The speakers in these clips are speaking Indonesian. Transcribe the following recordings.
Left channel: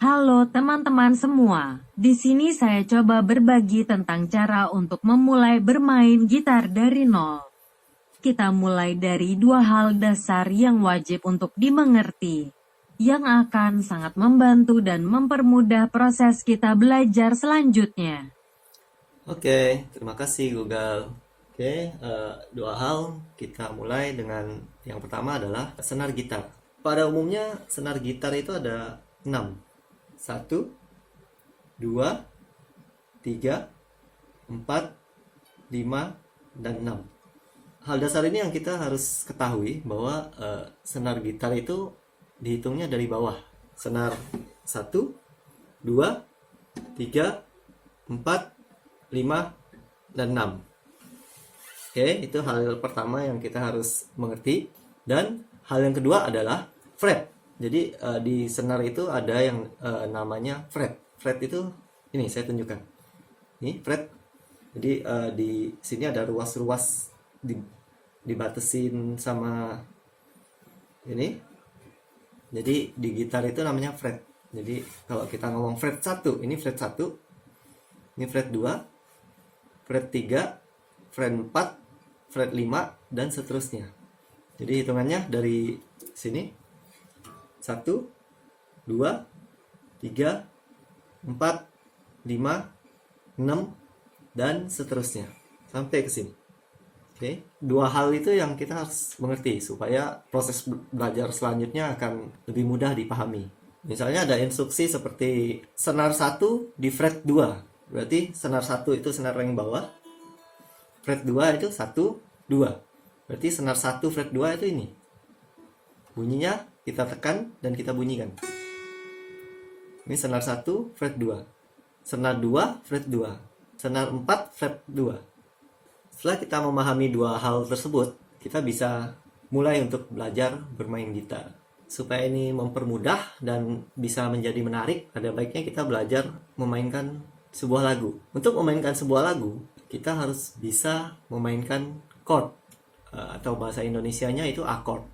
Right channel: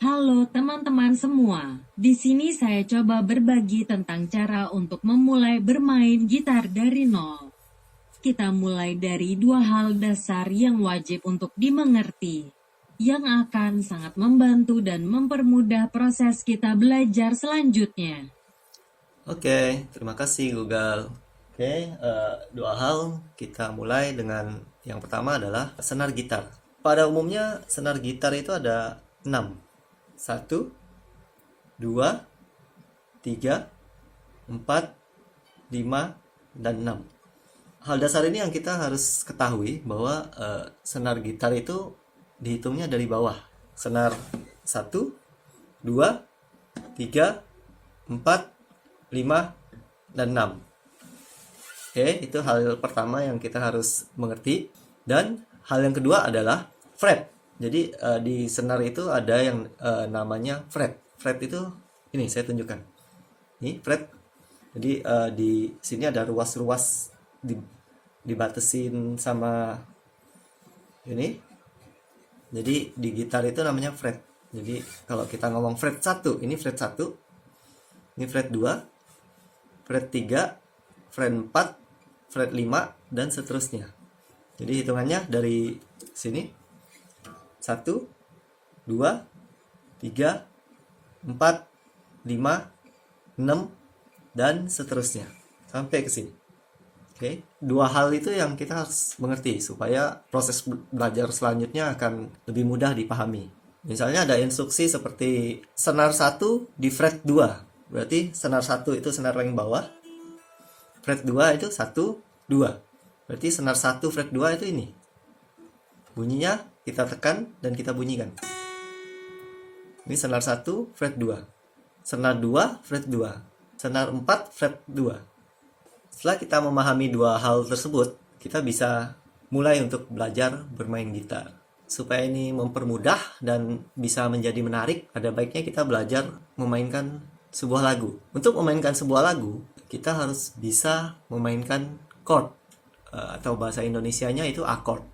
Halo teman-teman semua, di sini saya coba berbagi tentang cara untuk memulai bermain gitar dari nol. Kita mulai dari dua hal dasar yang wajib untuk dimengerti, yang akan sangat membantu dan mempermudah proses kita belajar selanjutnya. Oke, terima kasih Google. Oke, dua hal kita mulai dengan yang pertama adalah senar gitar. Pada umumnya senar gitar itu ada 6. Satu, 2, 3, 4, 5, dan 6. Hal dasar ini yang kita harus ketahui bahwa senar gitar itu dihitungnya dari bawah. Senar satu, 2, 3, 4, 5, dan 6. Oke, itu hal pertama yang kita harus mengerti. Dan hal yang kedua adalah fret. Jadi di senar itu ada yang namanya fret. Fret itu ini saya tunjukkan. Ini fret. Jadi di sini ada ruas-ruas dibatesin sama ini. Jadi di gitar itu namanya fret. Jadi kalau kita ngomong fret 1, ini fret 1. Ini fret 2, fret 3, fret 4, fret 5, dan seterusnya. Jadi hitungannya dari sini 1, 2, 3, 4, 5, 6, dan seterusnya sampai ke sini. Oke, dua hal itu yang kita harus mengerti supaya proses belajar selanjutnya akan lebih mudah dipahami. Misalnya ada instruksi seperti senar 1 di fret 2. Berarti senar 1 itu senar paling bawah. Fret 2 itu 1, 2. Berarti senar 1 fret 2 itu ini. Bunyinya kita tekan dan kita bunyikan. Ini senar 1 fret 2. Senar 2 fret 2. Senar 4 fret 2. Setelah kita memahami dua hal tersebut, kita bisa mulai untuk belajar bermain gitar. Supaya ini mempermudah dan bisa menjadi menarik, pada baiknya kita belajar memainkan sebuah lagu. Untuk memainkan sebuah lagu, kita harus bisa memainkan chord, atau bahasa Indonesianya itu akord.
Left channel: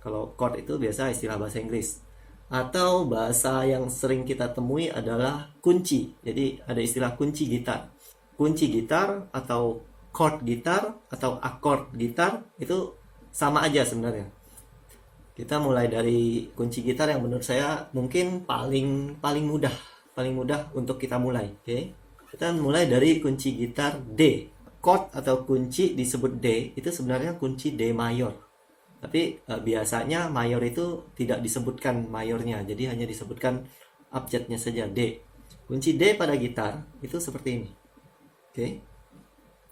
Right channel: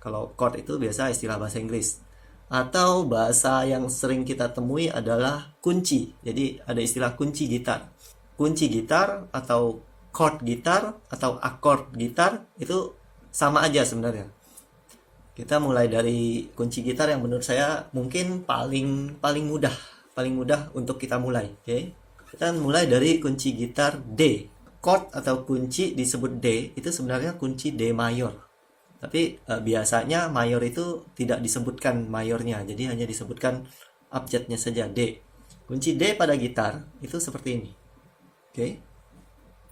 Kalau chord itu biasa istilah bahasa Inggris. Atau bahasa yang sering kita temui adalah kunci. Jadi ada istilah kunci gitar. Kunci gitar atau chord gitar atau akord gitar itu sama aja sebenarnya. Kita mulai dari kunci gitar yang menurut saya mungkin paling mudah untuk kita mulai. Oke. Kita mulai dari kunci gitar D. Chord atau kunci disebut D itu sebenarnya kunci D mayor. Tapi biasanya mayor itu tidak disebutkan mayornya, jadi hanya disebutkan abjadnya saja D. Kunci D pada gitar itu seperti ini. Oke.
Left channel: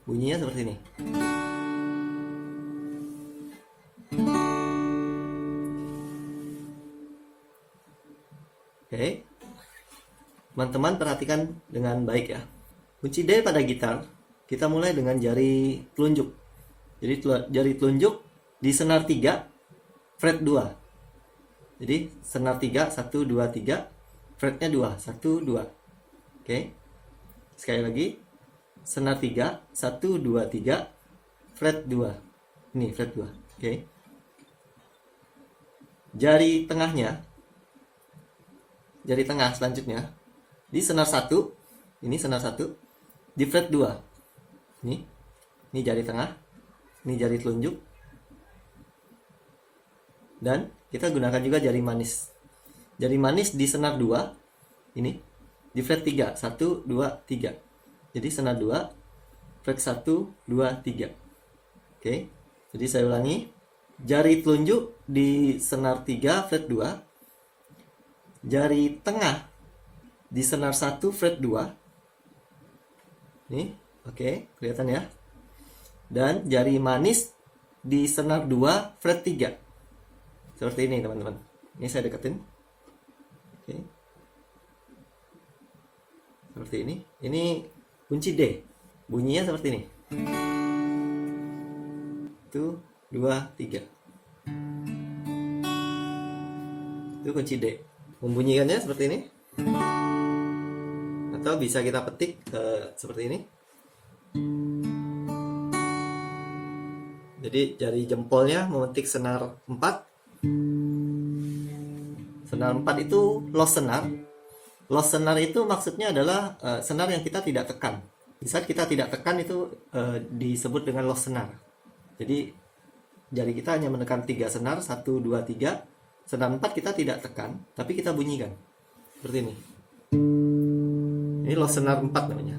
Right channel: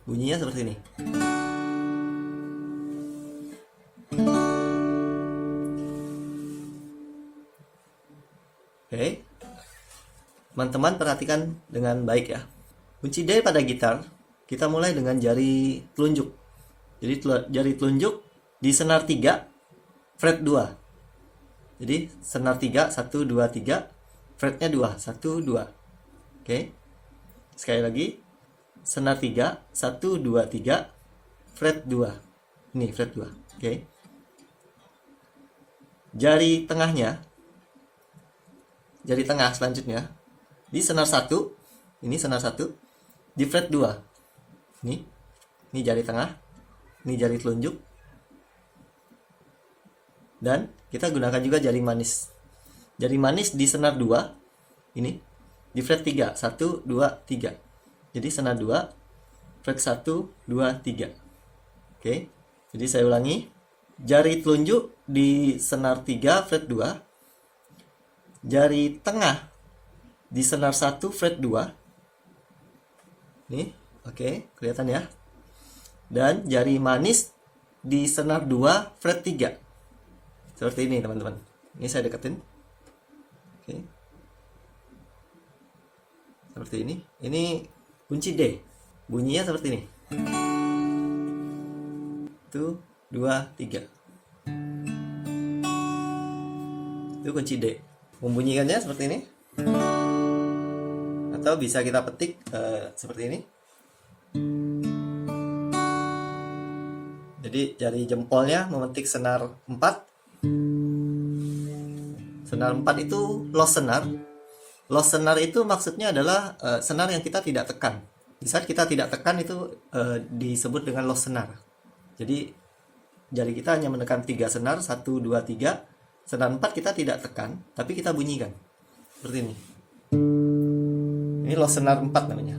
Bunyinya seperti ini. Oke. Teman-teman perhatikan dengan baik ya. Kunci D pada gitar, kita mulai dengan jari telunjuk. Jadi jari telunjuk di senar 3, fret 2. Jadi senar 3, 1, 2, 3, fretnya 2, 1, 2. Oke. Sekali lagi. Senar 3, 1, 2, 3, fret 2. Ini fret 2. Oke. Jari tengahnya, jari tengah selanjutnya di senar 1, ini senar 1 di fret 2. Ini jari tengah, ini jari telunjuk. Dan kita gunakan juga jari manis. Jari manis di senar 2, ini di fret 3, 1, 2, 3. Jadi senar 2, fret 1, 2, 3. Oke, jadi saya ulangi. Jari telunjuk di senar 3, fret 2. Jari tengah di senar 1, fret 2. Nih, oke, kelihatan ya. Dan jari manis di senar 2, fret 3. Seperti ini teman-teman. Ini saya deketin. Oke. Seperti ini. Ini kunci D. Bunyinya seperti ini. 1, 2, 3. Itu kunci D. Membunyikannya seperti ini. Atau bisa kita petik seperti ini. Jadi jari jempolnya memetik senar 4. Senar 4 itu low senar. Low senar itu maksudnya adalah senar yang kita tidak tekan. Di saat kita tidak tekan itu disebut dengan low senar. Jadi jari kita hanya menekan 3 senar, 1, 2, 3. Senar 4 kita tidak tekan, tapi kita bunyikan. Seperti ini. Ini low senar 4 namanya.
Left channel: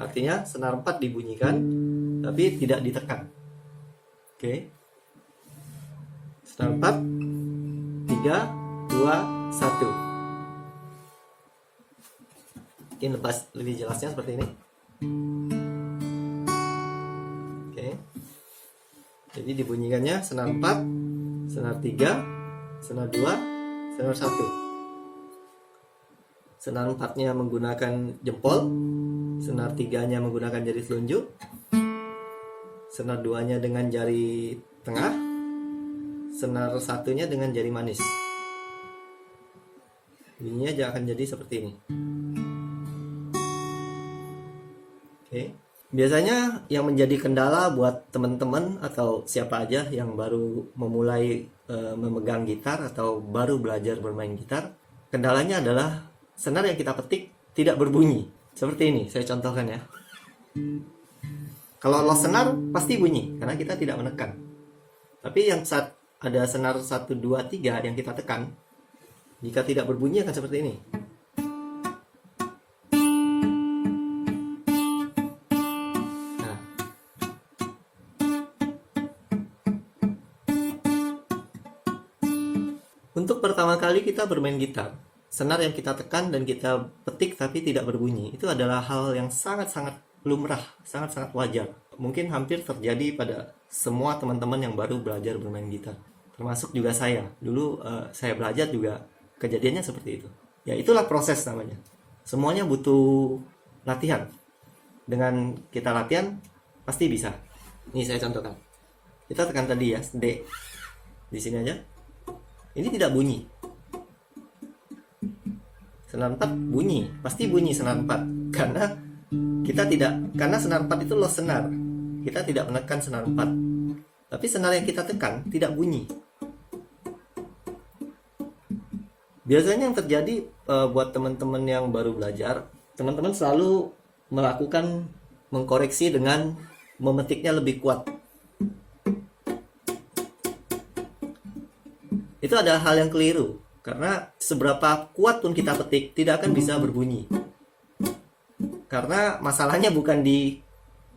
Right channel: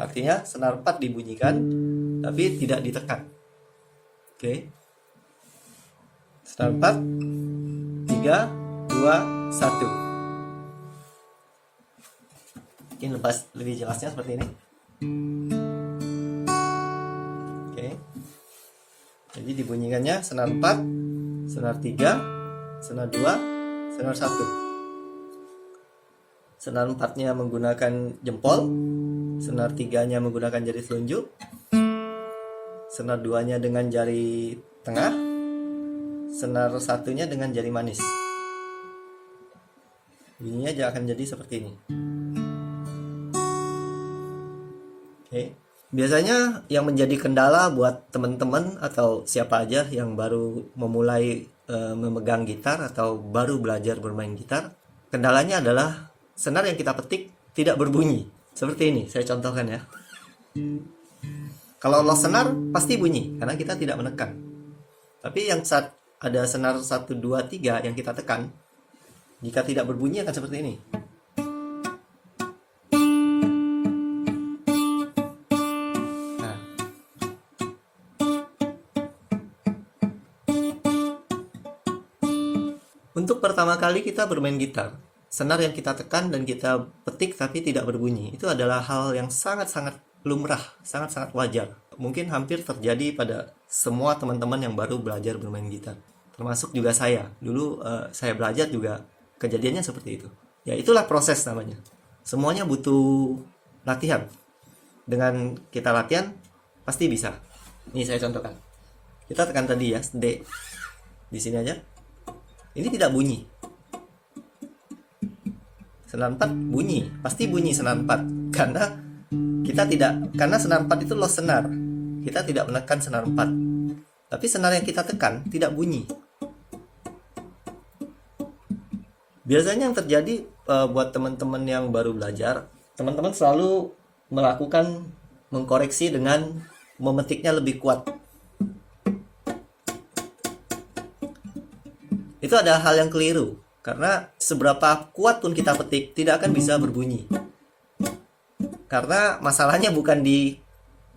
Artinya senar 4 dibunyikan, tapi tidak ditekan. Oke. Senar 4, 3, 2, 1. Mungkin lebih jelasnya seperti ini. Oke. Jadi dibunyikannya senar 4, senar 3, senar 2, senar 1. Senar 4-nya menggunakan jempol, senar 3-nya menggunakan jari telunjuk, senar 2-nya dengan jari tengah, senar 1-nya dengan jari manis. Bunyinya akan jadi seperti ini. Oke. Biasanya yang menjadi kendala buat teman-teman atau siapa aja yang baru memulai memegang gitar atau baru belajar bermain gitar, kendalanya adalah senar yang kita petik tidak berbunyi. Seperti ini, saya contohkan ya. Kalau low senar pasti bunyi karena kita tidak menekan. Tapi yang saat ada senar 1, 2, 3 yang kita tekan, jika tidak berbunyi akan seperti ini. Untuk pertama kali kita bermain gitar, senar yang kita tekan dan kita petik tapi tidak berbunyi, itu adalah hal yang sangat-sangat lumrah, sangat-sangat wajar. Mungkin hampir terjadi pada semua teman-teman yang baru belajar bermain gitar. Termasuk juga saya. Dulu saya belajar juga kejadiannya seperti itu. Ya itulah proses namanya. Semuanya butuh latihan. Dengan kita latihan, pasti bisa. Ini saya contohkan. Kita tekan tadi ya, D. Di sini aja. Ini tidak bunyi. Senar 4 bunyi, pasti bunyi senar 4 karena senar 4 itu low senar. Kita tidak menekan senar 4. Tapi senar yang kita tekan tidak bunyi. Biasanya yang terjadi buat teman-teman yang baru belajar, teman-teman selalu mengkoreksi dengan memetiknya lebih kuat. Itu ada hal yang keliru, karena seberapa kuat pun kita petik tidak akan bisa berbunyi. Karena masalahnya bukan di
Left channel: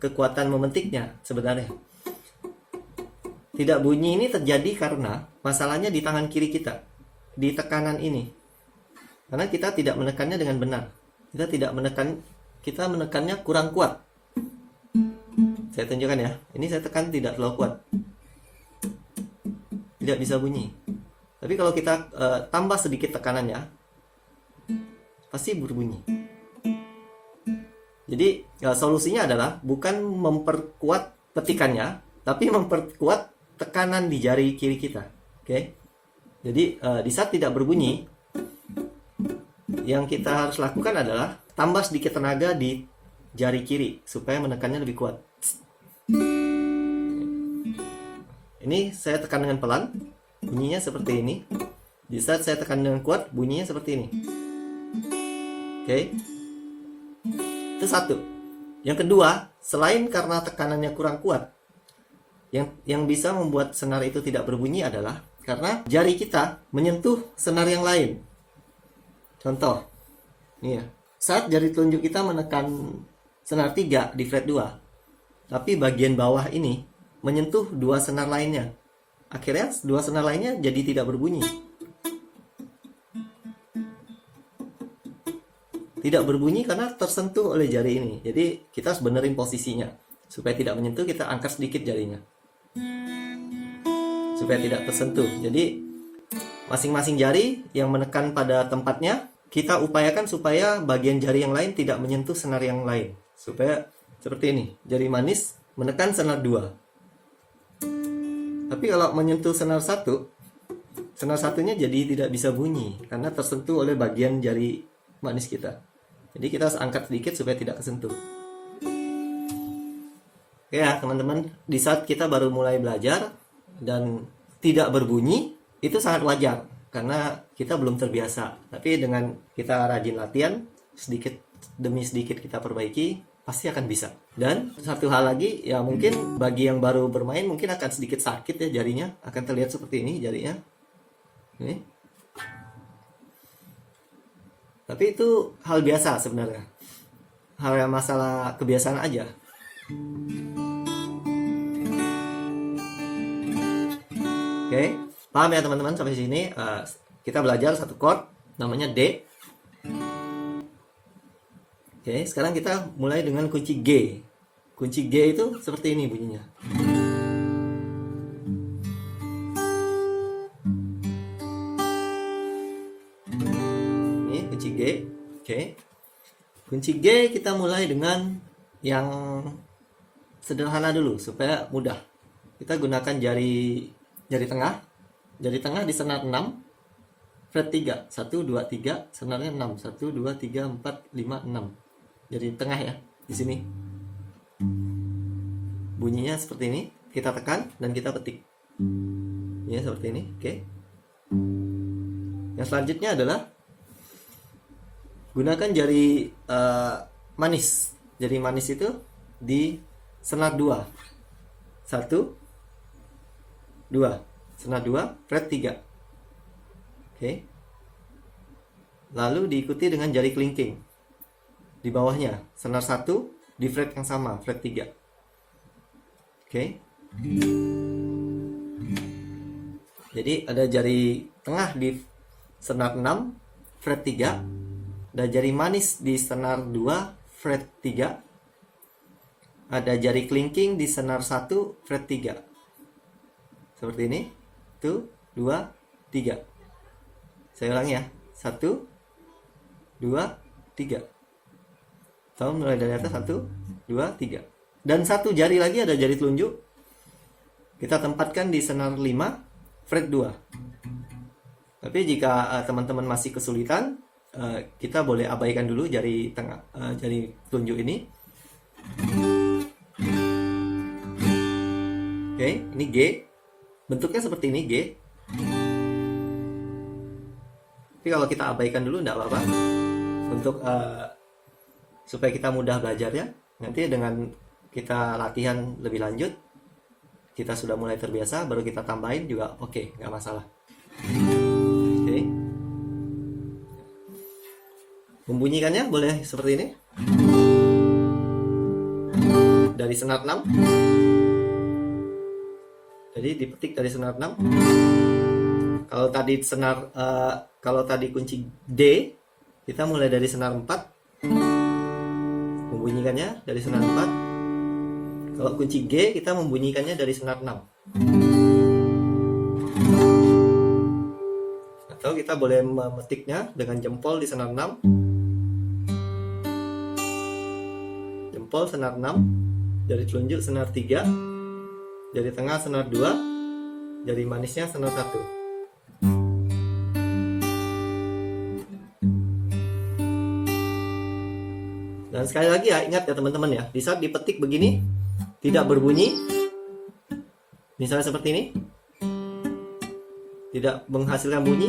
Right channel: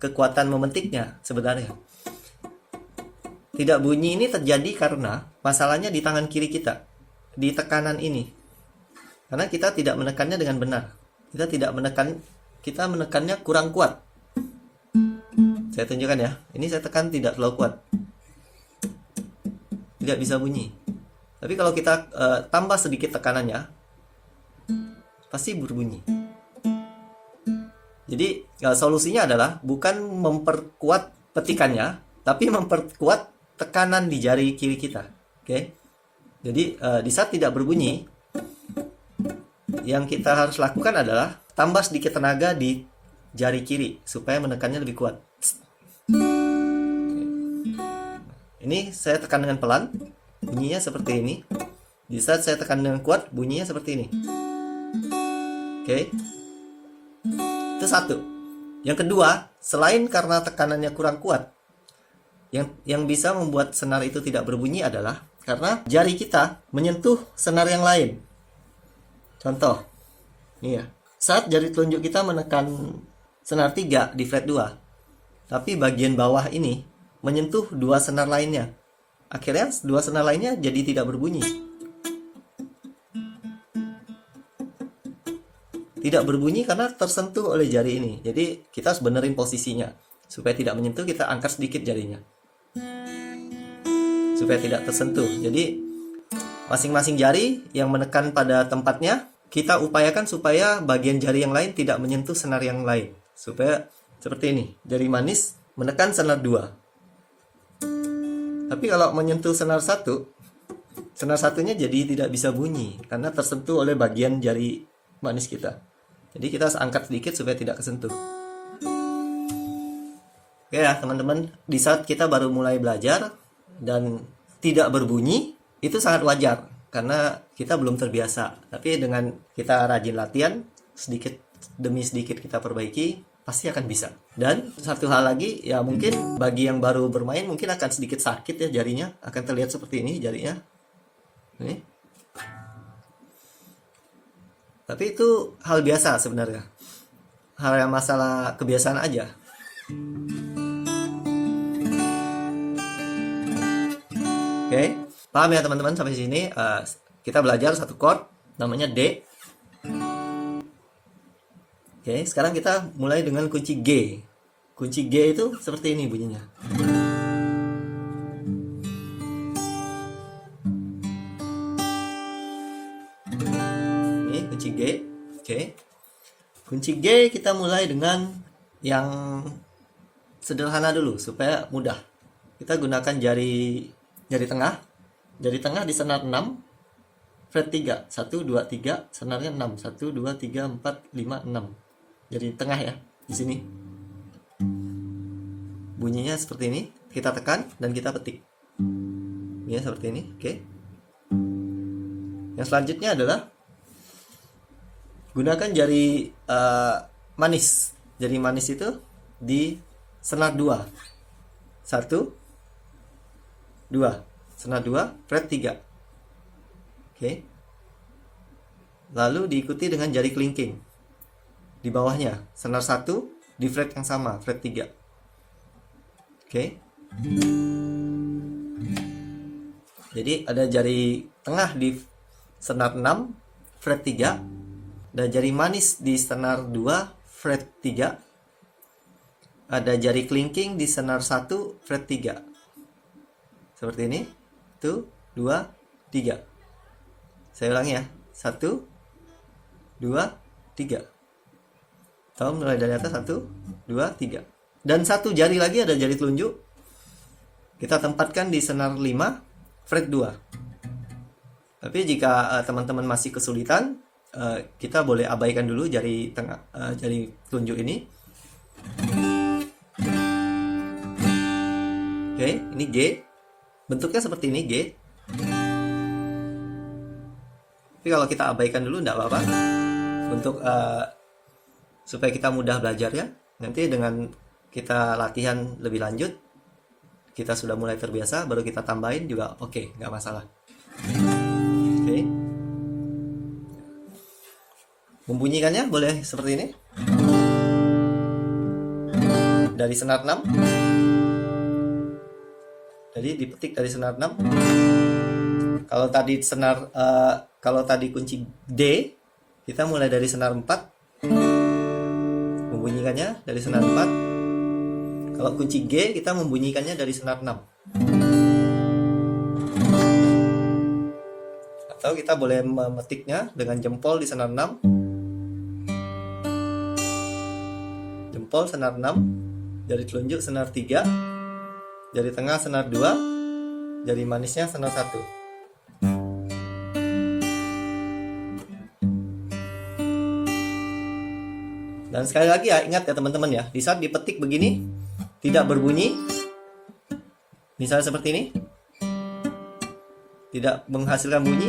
kekuatan memetiknya sebenarnya. Tidak bunyi ini terjadi karena masalahnya di tangan kiri kita, di tekanan ini. Karena kita tidak menekannya dengan benar. Kita menekannya kurang kuat. Saya tunjukkan ya. Ini saya tekan tidak terlalu kuat. Tidak bisa bunyi. Tapi kalau kita tambah sedikit tekanannya, pasti berbunyi. Jadi solusinya adalah bukan memperkuat petikannya, tapi memperkuat tekanan di jari kiri kita. Oke? Jadi di saat tidak berbunyi, yang kita harus lakukan adalah tambah sedikit tenaga di jari kiri supaya menekannya lebih kuat. Ini saya tekan dengan pelan. Bunyinya seperti ini. Di saat saya tekan dengan kuat, bunyinya seperti ini. Oke. Itu satu. Yang kedua, selain karena tekanannya kurang kuat, yang bisa membuat senar itu tidak berbunyi adalah karena jari kita menyentuh senar yang lain. Contoh. Ini ya. Saat jari telunjuk kita menekan senar 3 di fret 2, tapi bagian bawah ini menyentuh 2 senar lainnya. Akhirnya 2 senar lainnya jadi tidak berbunyi. Tidak berbunyi karena tersentuh oleh jari ini. Jadi kita harus benerin posisinya. Supaya tidak menyentuh, kita angkat sedikit jarinya. Supaya tidak tersentuh. Jadi masing-masing jari yang menekan pada tempatnya, kita upayakan supaya bagian jari yang lain tidak menyentuh senar yang lain. Supaya seperti ini. Jari manis menekan senar 2. Tapi kalau menyentuh senar 1, senar satunya jadi tidak bisa bunyi karena tersentuh oleh bagian jari manis kita. Jadi kita harus angkat sedikit supaya tidak kesentuh. Oke ya teman-teman, di saat kita baru mulai belajar dan tidak berbunyi, itu sangat wajar. karena kita belum terbiasa. Tapi dengan kita rajin latihan, sedikit demi sedikit kita perbaiki, pasti akan bisa. Dan satu hal lagi, ya mungkin bagi yang baru bermain mungkin akan sedikit sakit ya jarinya, akan terlihat seperti ini jarinya. Ini. Tapi itu hal biasa sebenarnya. Hal yang masalah kebiasaan aja. Oke, paham ya teman-teman sampai sini? Kita belajar satu chord namanya D. Oke, sekarang kita mulai dengan kunci G. Kunci G itu seperti ini bunyinya. Ini kunci G. Oke. Kunci G kita mulai dengan yang sederhana dulu supaya mudah. Kita gunakan jari tengah. Jari tengah di senar 6 fret 3. 1 2 3 senarnya 6. 1 2 3 4 5 6. Jari tengah ya di sini. Bunyinya seperti ini. Kita tekan dan kita petik. Ya seperti ini. Oke. Yang selanjutnya adalah gunakan jari manis. Jari manis itu di senar 2. 1 2. Senar 2 fret 3. Oke. Lalu diikuti dengan jari kelingking. Di bawahnya senar 1 di fret yang sama, fret 3. Oke. Jadi ada jari tengah di senar 6 fret 3, ada jari manis di senar 2 fret 3, ada jari kelingking di senar 1 fret 3. Seperti ini. 1 2 3. Saya ulangi ya. 1 2 3. Tahu mulai dari atas 1 2 3. Dan satu jari lagi ada jari telunjuk. Kita tempatkan di senar 5 fret 2. Tapi jika teman-teman masih kesulitan, kita boleh abaikan dulu jari tengah, jari telunjuk ini. Oke, ini G. Bentuknya seperti ini G. Tapi kalau kita abaikan dulu enggak apa-apa. Untuk supaya kita mudah belajar ya. Nanti dengan kita latihan lebih lanjut, kita sudah mulai terbiasa, baru kita tambahin juga oke, nggak masalah. Oke. Membunyikannya boleh seperti ini. Dari senar 6. Jadi dipetik dari senar 6. Kalau tadi kunci D, kita mulai dari senar 4. Membunyikannya dari senar 4. Kalau kunci G, kita membunyikannya dari senar 6. Atau kita boleh memetiknya dengan jempol di senar 6. Jempol senar 6, jari telunjuk senar 3, jari tengah senar 2, jari manisnya senar 1. Dan sekali lagi ya, ingat ya teman-teman ya, di saat dipetik begini tidak berbunyi, misalnya seperti ini, tidak menghasilkan bunyi.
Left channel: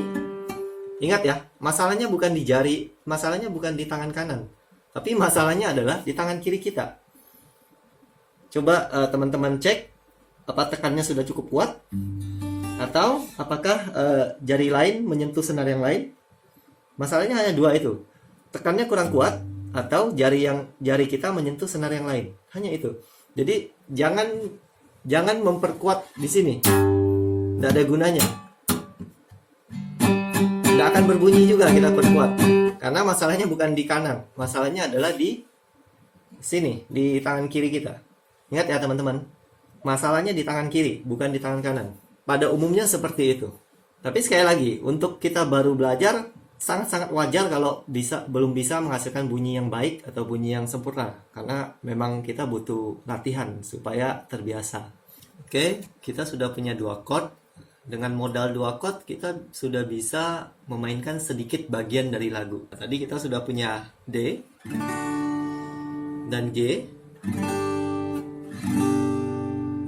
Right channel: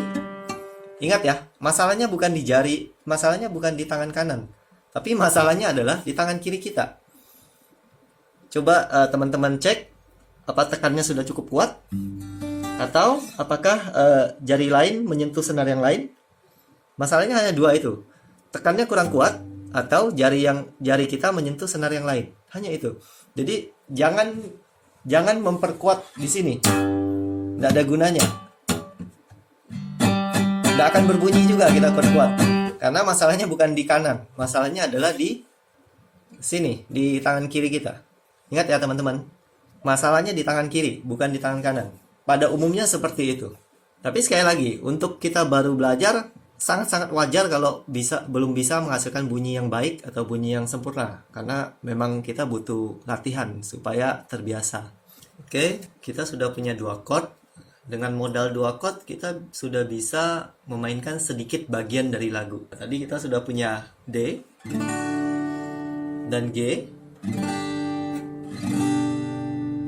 Ingat ya, masalahnya bukan di jari, masalahnya bukan di tangan kanan, tapi masalahnya adalah di tangan kiri kita. Coba teman-teman cek apa tekannya sudah cukup kuat, atau apakah jari lain menyentuh senar yang lain. Masalahnya hanya dua itu, tekannya kurang kuat atau jari kita menyentuh senar yang lain. Hanya itu. Jadi jangan memperkuat di sini, nggak ada gunanya. Nggak akan berbunyi juga kita perkuat, karena masalahnya bukan di kanan, masalahnya adalah di sini, di tangan kiri kita. Ingat ya teman-teman, masalahnya di tangan kiri, bukan di tangan kanan. Pada umumnya seperti itu. Tapi sekali lagi, untuk kita baru belajar, sangat-sangat wajar kalau belum bisa menghasilkan bunyi yang baik atau bunyi yang sempurna, karena memang kita butuh latihan supaya terbiasa. Oke, kita sudah punya 2 chord. Dengan modal 2 chord kita sudah bisa memainkan sedikit bagian dari lagu. Tadi kita sudah punya D dan G.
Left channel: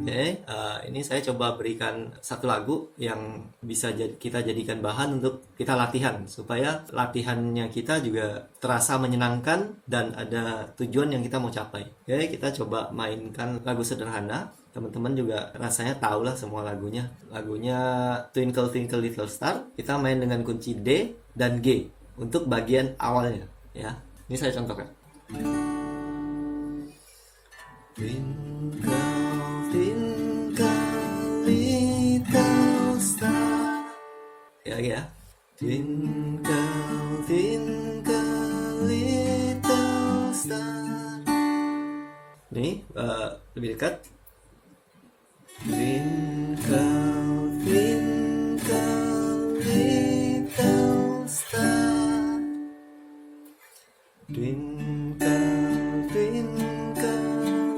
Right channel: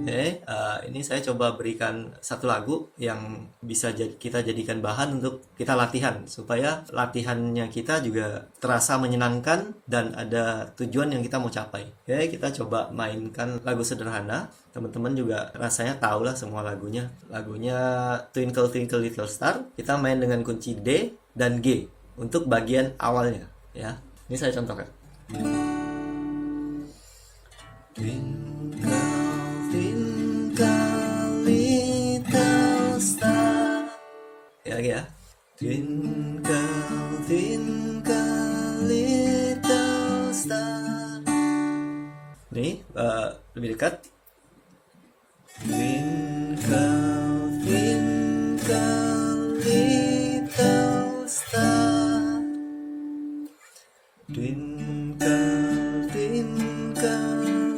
Oke. Oke, ini saya coba berikan satu lagu yang bisa kita jadikan bahan untuk kita latihan, supaya latihannya kita juga terasa menyenangkan dan ada tujuan yang kita mau capai. Oke, kita coba mainkan lagu sederhana. Teman-teman juga rasanya tahu lah semua lagunya. Lagunya Twinkle Twinkle Little Star. Kita main dengan kunci D dan G untuk bagian awalnya, ya. Ini saya contohkan. Twinkle, twinkle, little star. Ya. Twinkle, twinkle, little star. Ini lebih dekat. Twinkle, twinkle, little star. Twinkle, twinkle,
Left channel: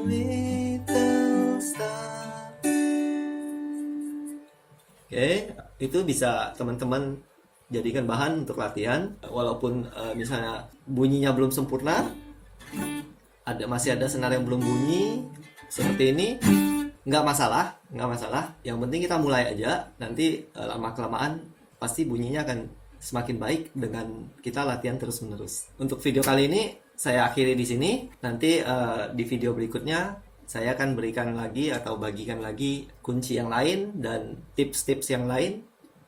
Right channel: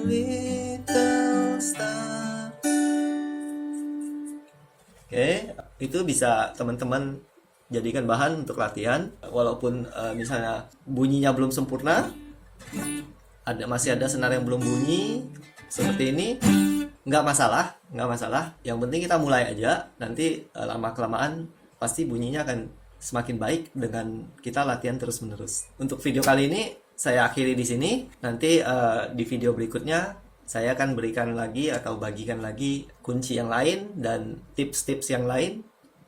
little star. Oke, itu bisa teman-teman jadikan bahan untuk latihan. Walaupun misalnya bunyinya belum sempurna, masih ada senar yang belum bunyi seperti ini, nggak masalah. Yang penting kita mulai aja. Nanti lama kelamaan pasti bunyinya akan semakin baik dengan kita latihan terus-menerus. Untuk video kali ini saya akhiri di sini. Nanti di video berikutnya saya akan berikan lagi atau bagikan lagi kunci yang lain dan tips-tips yang lain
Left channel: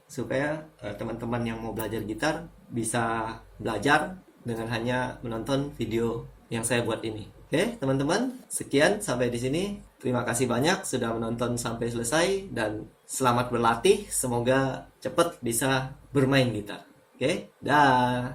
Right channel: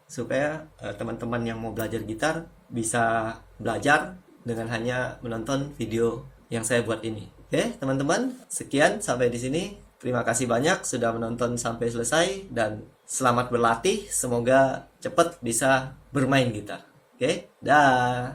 supaya teman-teman yang mau belajar gitar bisa belajar dengan hanya menonton video yang saya buat ini. Oke, teman-teman, sekian sampai di sini. Terima kasih banyak sudah menonton sampai selesai dan selamat berlatih. Semoga cepat bisa bermain gitar. Oke, dah.